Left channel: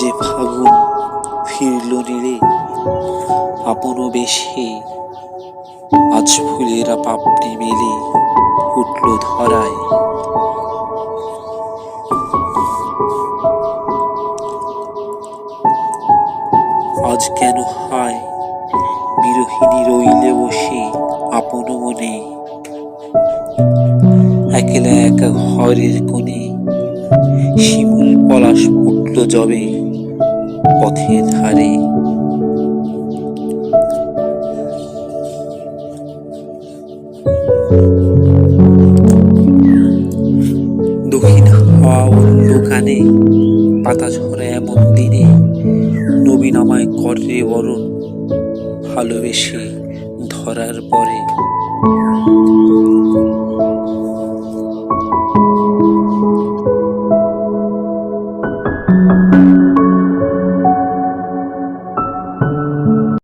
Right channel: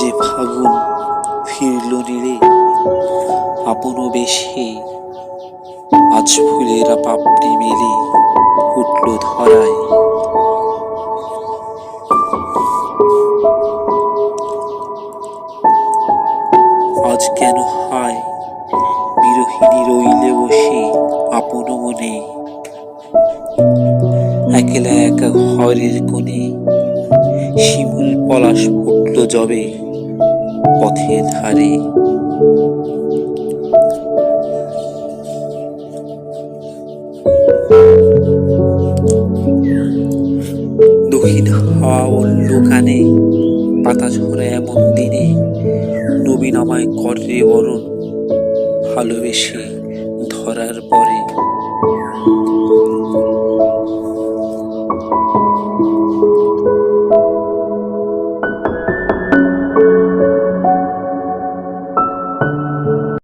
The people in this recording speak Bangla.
যে ফাগুন ফিরল নীড়ে আপন বেশে, আজ ফুলেরা পাপড়ি মেলে উঠল ধরায়। আজ কেন হায় বিরহিণী রইলে বসে আপন মনে, একলা একা ঘরের কোণে শিমুল পলাশ ফুটল যবে পথের ধারে। দক্ষিণ হাওয়া বলল কানে, পাতা ঝরে এমন দিনে নবীন আমায় করে বরণ, ভালোবেসে ধরার পরে।